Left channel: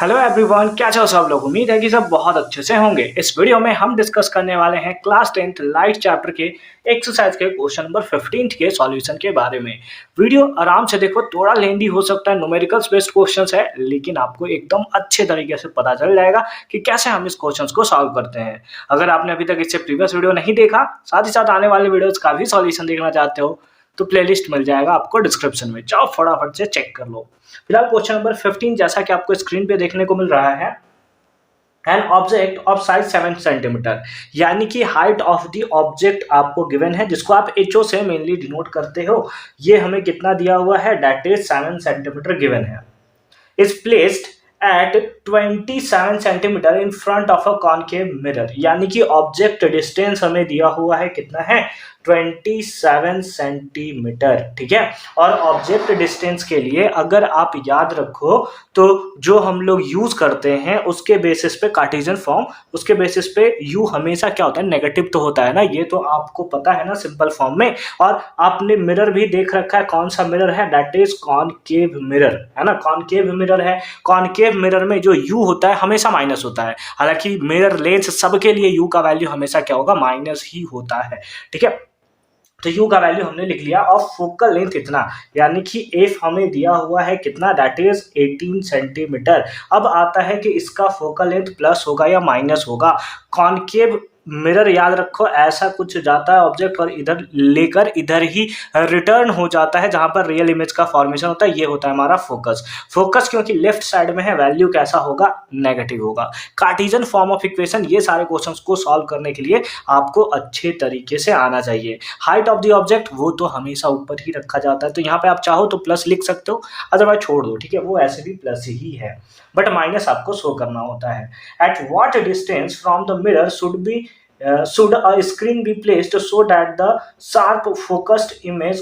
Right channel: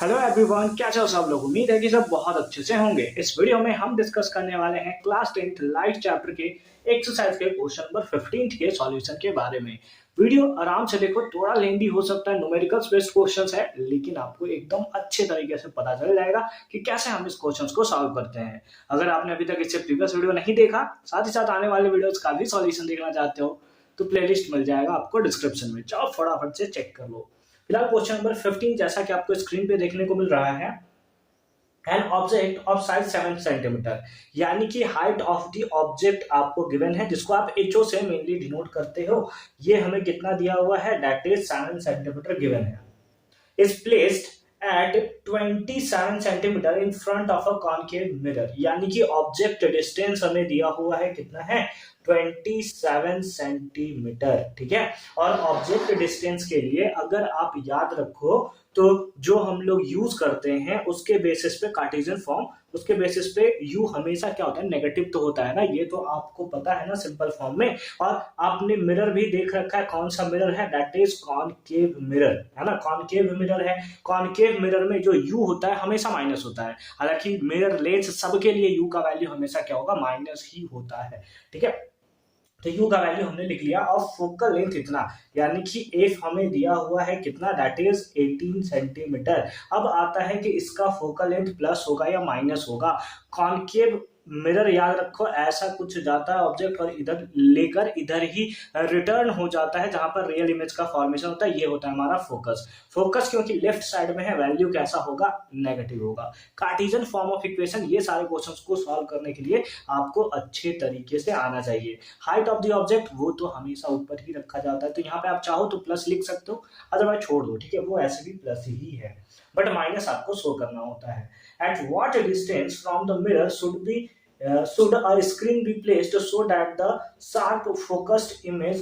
Hello everyone, क्या चाहो सब लोग। उम्मीद है कि सब बहुत अच्छे से होंगे। इस वीडियो में हम डिस्कस करने वाले हैं क्लास 10th लाइट चैप्टर के एक्सरसाइज के क्वेश्चन नंबर 15 के सॉल्यूशन के बारे में। वीडियो आराम से देखो, थोड़ा लेंदी हो सकता है, न्यूमेरिकल्स बेस्ड क्वेश्चंस है, लेकिन आपको एकदम अच्छे तरीके से पता चल जाएगा कि कैसे हम इस क्वेश्चंस को सॉल्व करते हैं। अगर आपने अभी तक इससे प्रीवियस वीडियो नहीं देखा, साथ ही साथ आने वाले वीडियोज का भी सॉल्यूशन देखना चाहते हो, तो प्लेलिस्ट मिल जाएगा आपको डिस्क्रिप्शन में, जाओ फटाफट से चेक कर लो। फिलहाल क्वेश्चन नंबर 15 जैसा कि आपको स्क्रीन पे देखने को मिल रहा है, an object of size 7 centimetre, यानी कि हाइट ऑफ द ऑब्जेक्ट आपको गिवन है, जिसको आप एचओ से मेनली डिनोट करते हो। ये हमें कितना दिया हुआ है, दैट इज 7 सेंटीमीटर गिवन है। Is placed at 27 centimetre in front of a concave mirror, यानी कि ऑब्जेक्ट डिस्टेंस हमें दिया हुआ है, कितना है, 27 सेंटीमीटर। ठीक है, और ऑब्जेक्ट डिस्टेंस के लिए अगर आप याद रखो तो जो हम लोग यूज करते हैं उसके बेसिस पे कार्टेशियन फॉर्म, उसके बेसिस पे यू हमेशा क्या होता है, नेगेटिव तो होता है ना, ये तो आपको पता है ना सिंपल फॉर्म में। और आपने मिरर भी देख रखा है, कौन सा मिरर है, दैट इज कॉनकेव मिरर, है ना, कॉनकेव मिरर है। कॉनकेव मिरर में जो यू होता है हमेशा माइनस होता है, हालांकि मिरर लेंस सबके लिए यू का वैल्यू हमेशा क्या होगा, माइनस ही होता है। ठीक है, तो यू का वैल्यू हमने लिख लिया और फोकल लेंथ इतना, यानी कि एफ हमें दिया हुआ है कितना, दैट इज 18 सेंटीमीटर। अब आता है कि इसका फोकल लेंथ प्लस होगा या माइनस होगा। कॉनकेव मिरर याद रखो, ऐसा कुछ जाता है ऑब्जेक्ट और इधर लेकर इधर ही रिटर्न हो जाता है, जहां पर रियल इमेज का फॉर्मेशन होता है। ये होता है हमारा फोकस। फोकस क्योंकि लेफ्ट साइड में है, वैल्यू कैसा होगा, नेगेटिव होगा। कार्टेशियन फॉर्म ऑफ इक्वेशन, ये सारे क्वेश्चंस को सॉल्व करने के लिए आपको अच्छे तरीके से आना चाहिए। हाइट ऑफ द ऑब्जेक्ट वो तो हमेशा ऊपर ही रखा जाता है, तो यहाँ पे आप चाहो तो प्लस लिख सकते हो, अदरवाइज छोड़ दो। ठीक है, वो ऐसे भी प्लस ही है, बट माइनस आपको शो करना होता है। At what distance from the mirror should a screen be placed so that the sharp focused image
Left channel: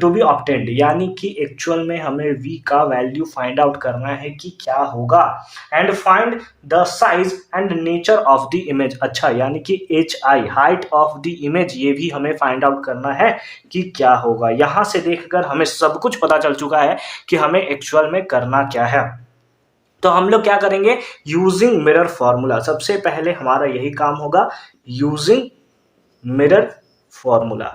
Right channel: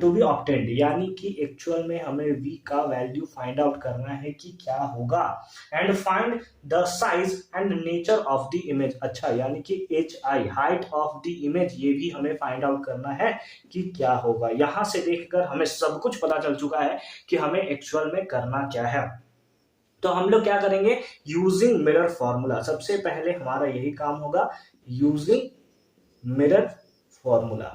to be obtained, यानी कि एक्चुअल में हमें v का वैल्यू फाइंड आउट करना है कि क्या होगा। And find the size and nature of the image, अच्छा यानी कि H I, height of the image, ये भी हमें फाइंड आउट करना है कि क्या होगा। यहां से देखकर हमें सब कुछ पता चल चुका है कि हमें एक्चुअल में करना क्या है। तो हम लोग क्या करेंगे, यूजिंग मिरर फॉर्मूला, सबसे पहले हमारा यही काम होगा, using mirror formula.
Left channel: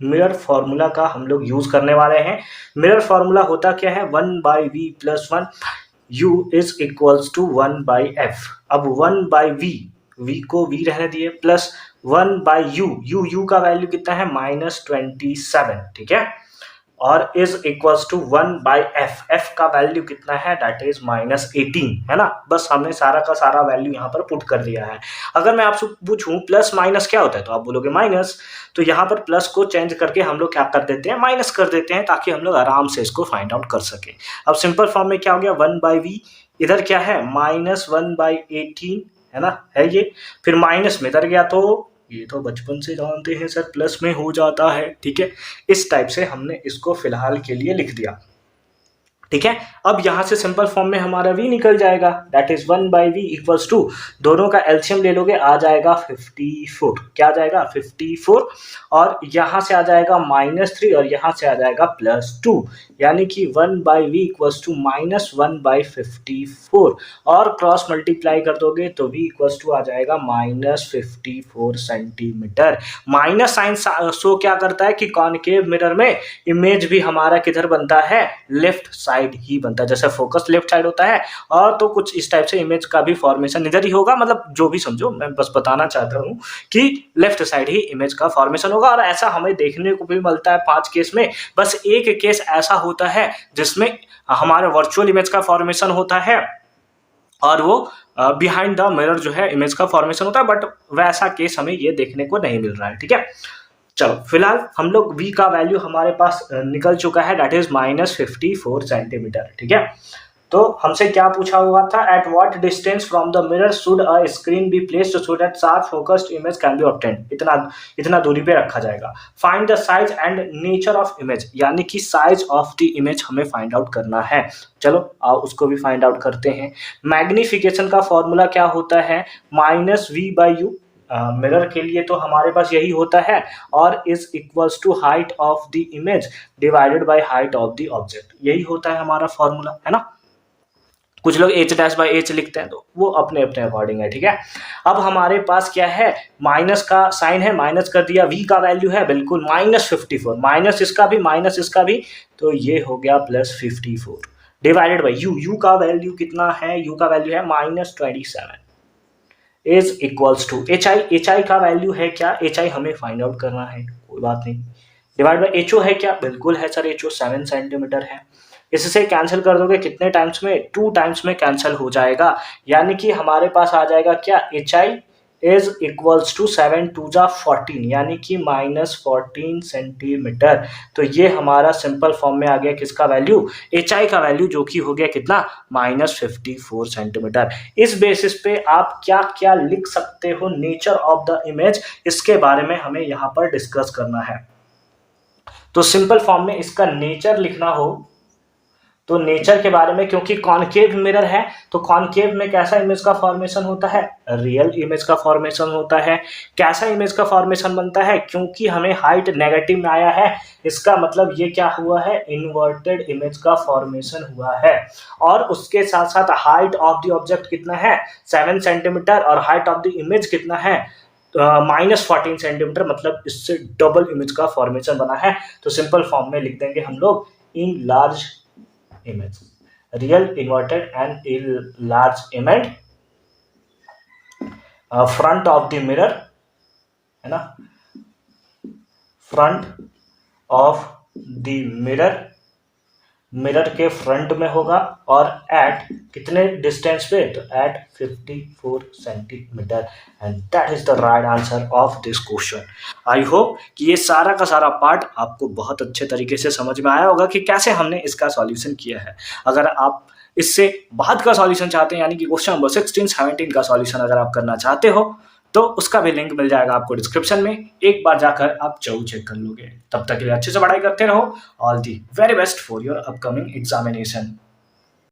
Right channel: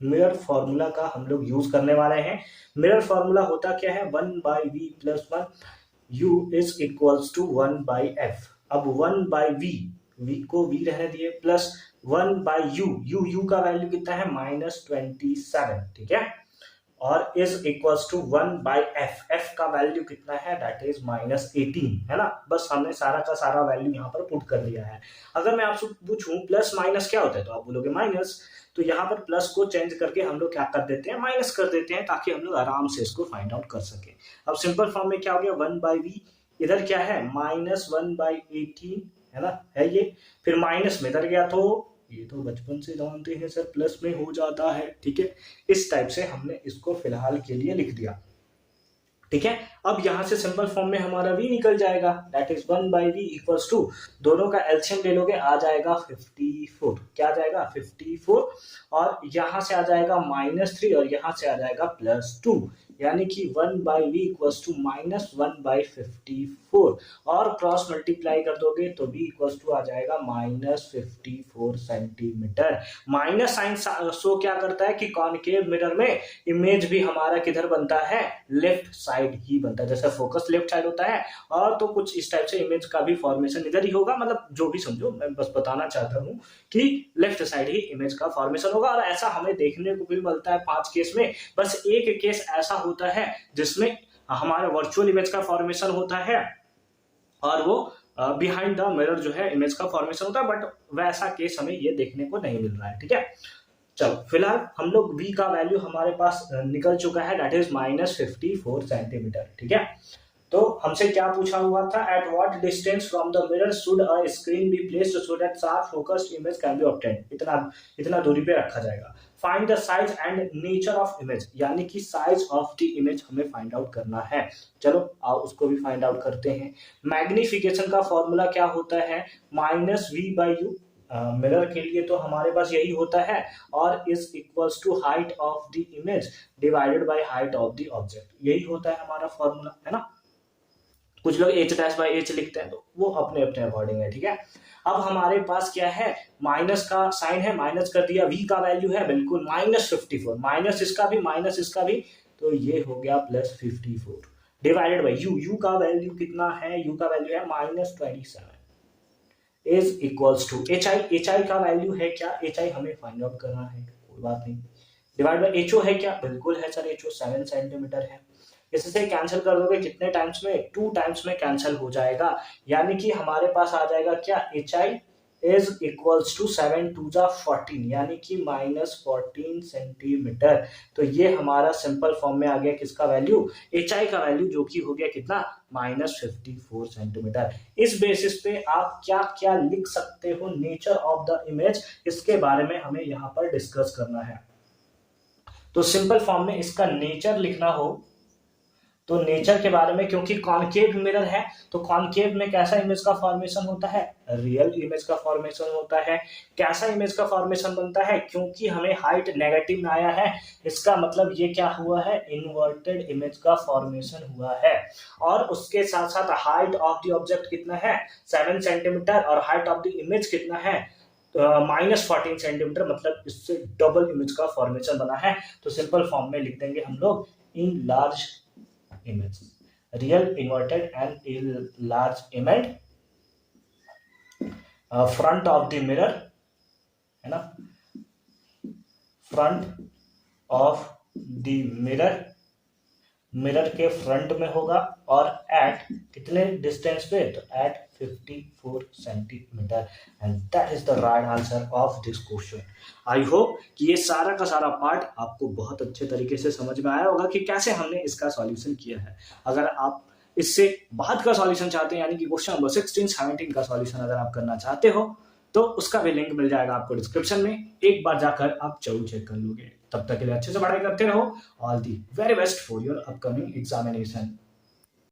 Mirror formula का हम लोग यूज करने वाले हैं। मिरर फॉर्मूला होता क्या है, 1/v+1, u is equals to 1/f। अब 1/v, v को v रहने दिए, प्लस 1/u, u का वैल्यू कितना है, -27। ठीक है, और is equals to 1/f, f का वैल्यू कितना है, दैट इज -18, है ना। बस हमने सारा का सारा वैल्यू यहाँ पर पुट कर दिया है। अगर मैं आपसे पूछूं प्लस माइनस क्या होता है, तो आप बोलोगे माइनस, तो यहाँ पर प्लस को चेंज करके हम लोग क्या कर देते हैं, माइनस कर देते हैं, ताकि हम लोग आराम से इसको फाइंड आउट कर सके। अब सिंपल फॉर्म में क्या हो गया, 1/v, इधर क्या है, -1/18, है ना, है ये, फिर माइनस में इधर गया, तो ये तो बचपन से जानते हैं सर, प्लस में हो जाता है। ठीक है, इस टाइप से हमने इसको फिलहाल के लिए लिख दिया। ठीक है, अब यहां से सिंपल फॉर्म में हमारा v निकल जाएगा, that is 1/v equals to, दोनों का एलसीएम ले लोगे, आ जाएगा 54। क्या आ जाएगा, 54, और यहां से आ जाएगा -3 और यहां से आ जाएगा +2, यानी कि 1/v इक्वल्स टू -1/54, और क्रॉस मल्टीप्लाई कर दोगे तो v इक्वल्स टू आ जाएगा -54 सेंटीमीटर। माइनस साइन शो क्या करता है कि कॉनकेव मिरर में इमेज भी हमारा किधर बनता है, लेफ्ट साइड ही बनता है। जैसे फोकस लेफ्ट साइड होता है, और तो कुछ इस टाइप से इमेज का भी फॉर्मेशन इधर ही होगा, मतलब जो भी समझो, मैं बस बताना चाहता हूँ कि लेफ्ट साइड ही इमेज का फॉर्मेशन होगा। और ऐसा हमें देखने को भी मिलता है 5 केस में, बस एक केस ऐसा होता है जिसमें हमारे वर्चुअल इमेज का फॉर्मेशन होता है, और वो बिहाइंड द मिरर जो है इमेज का फॉर्मेशन होता है, बट वैसा केस हमें ये देखने को नहीं मिल रहा है। ठीक है, चलो फिलहाल हम लोग v का वैल्यू हमारे पास निकल चुका है, दैट इज -54 सेंटीमीटर। ठीक है, तो हमसे क्या पूछा हुआ था, at what distance from the mirror should a screen be placed so that sharp focused image can be obtained, इतना दूरी पे रखा जाएगा। Find the size and nature of image, यानी कि साइज ऑफ द इमेज हमें फाइंड आउट करना है। चलो उसको भी फाइंड आउट करते हैं। मैग्निफिकेशन का फॉर्मूला क्या होता है, -v/u, मिरर के लिए तो हमारे पास यही होता है, और is equals to height of the image divided by height of the object, यही होता है हमारा फॉर्मूला, है ना। कुछ लोग h डैश बाई h लिखते हैं, तो वो अपने अपने अकॉर्डिंग है, ठीक है। अब हमारे पास क्या है, माइनस का साइन है, माइनस कर दिया, v का वैल्यू है बिल्कुल -54, माइनस इसका भी, तो ये हो गया +54 डिवाइडेड बाई u का वैल्यू कितना है, u का वैल्यू है -27 इज इक्वल्स टू hi का वैल्यू है क्या, hi हमें फाइंड आउट करना है, कोई बात नहीं, डिवाइड बाई ho है क्या, बिल्कुल है सर, ho 7 सेंटीमीटर है। इससे कैंसिल कर दोगे कितने टाइम्स में, 2 टाइम्स में कैंसिल हो जाएगा, यानी कि हमारे पास आ जाएगा क्या, hi इज इक्वल्स टू 7 2 जा 14, यानी कि -14 सेंटीमीटर। तो ये हमारा सिंपल फॉर्म में आ गया किसका वैल्यू, hi का वैल्यू, जो कि हो गया कितना, -54 सेंटीमीटर। इस बेसिस पे आप क्या क्या लिख सकते हो नेचर ऑफ द इमेज, इसके बारे में हमें यहाँ पर डिस्कस करना है। तो सिंपल फॉर्म में इसका नेचर लिखना हो तो नेचर के बारे में, क्योंकि कॉनकेव मिरर है तो कॉनकेव में कैसा इमेज का फॉर्मेशन होता है, रियल इमेज का फॉर्मेशन होता है। कैसा इमेज का फॉर्मेशन बनता है, क्योंकि हमें हाइट नेगेटिव में आया है, इसका मतलब ये क्या हुआ है, इन्वर्टेड इमेज का फॉर्मेशन हुआ है। और उसके साथ साथ हाइट ऑफ द ऑब्जेक्ट कितना है, 7 सेंटीमीटर, और हाइट ऑफ द इमेज कितना है, -14 सेंटीमीटर, मतलब इससे डबल इमेज का फॉर्मेशन बना है। तो सिंपल फॉर्म में लिख देंगे हम लोग, in large image, real inverted and large image, front of the mirror है ना, फ्रंट ऑफ द मिरर के फ्रंट में होगा, और एट कितने डिस्टेंस पे, तो at 54 centimetre, and that is the right answer of this question. I hope कि ये सारा का सारा पार्ट आपको बहुत अच्छे तरीके से समझ में आया होगा कि कैसे हमने इसका सॉल्यूशन किया है। अगर आप इससे बाद का सॉल्यूशन चाहते हैं, यानी कि क्वेश्चन नंबर 16 17 का सॉल्यूशन अगर आप करना चाहते हो, तो उसका भी लिंक मिल जाएगा आपको डिस्क्रिप्शन में, एक बार जाकर आप जरूर चेक कर लोगे। तब तक के लिए अच्छे से पढ़ाई करते रहो। All the very best for your upcoming examination.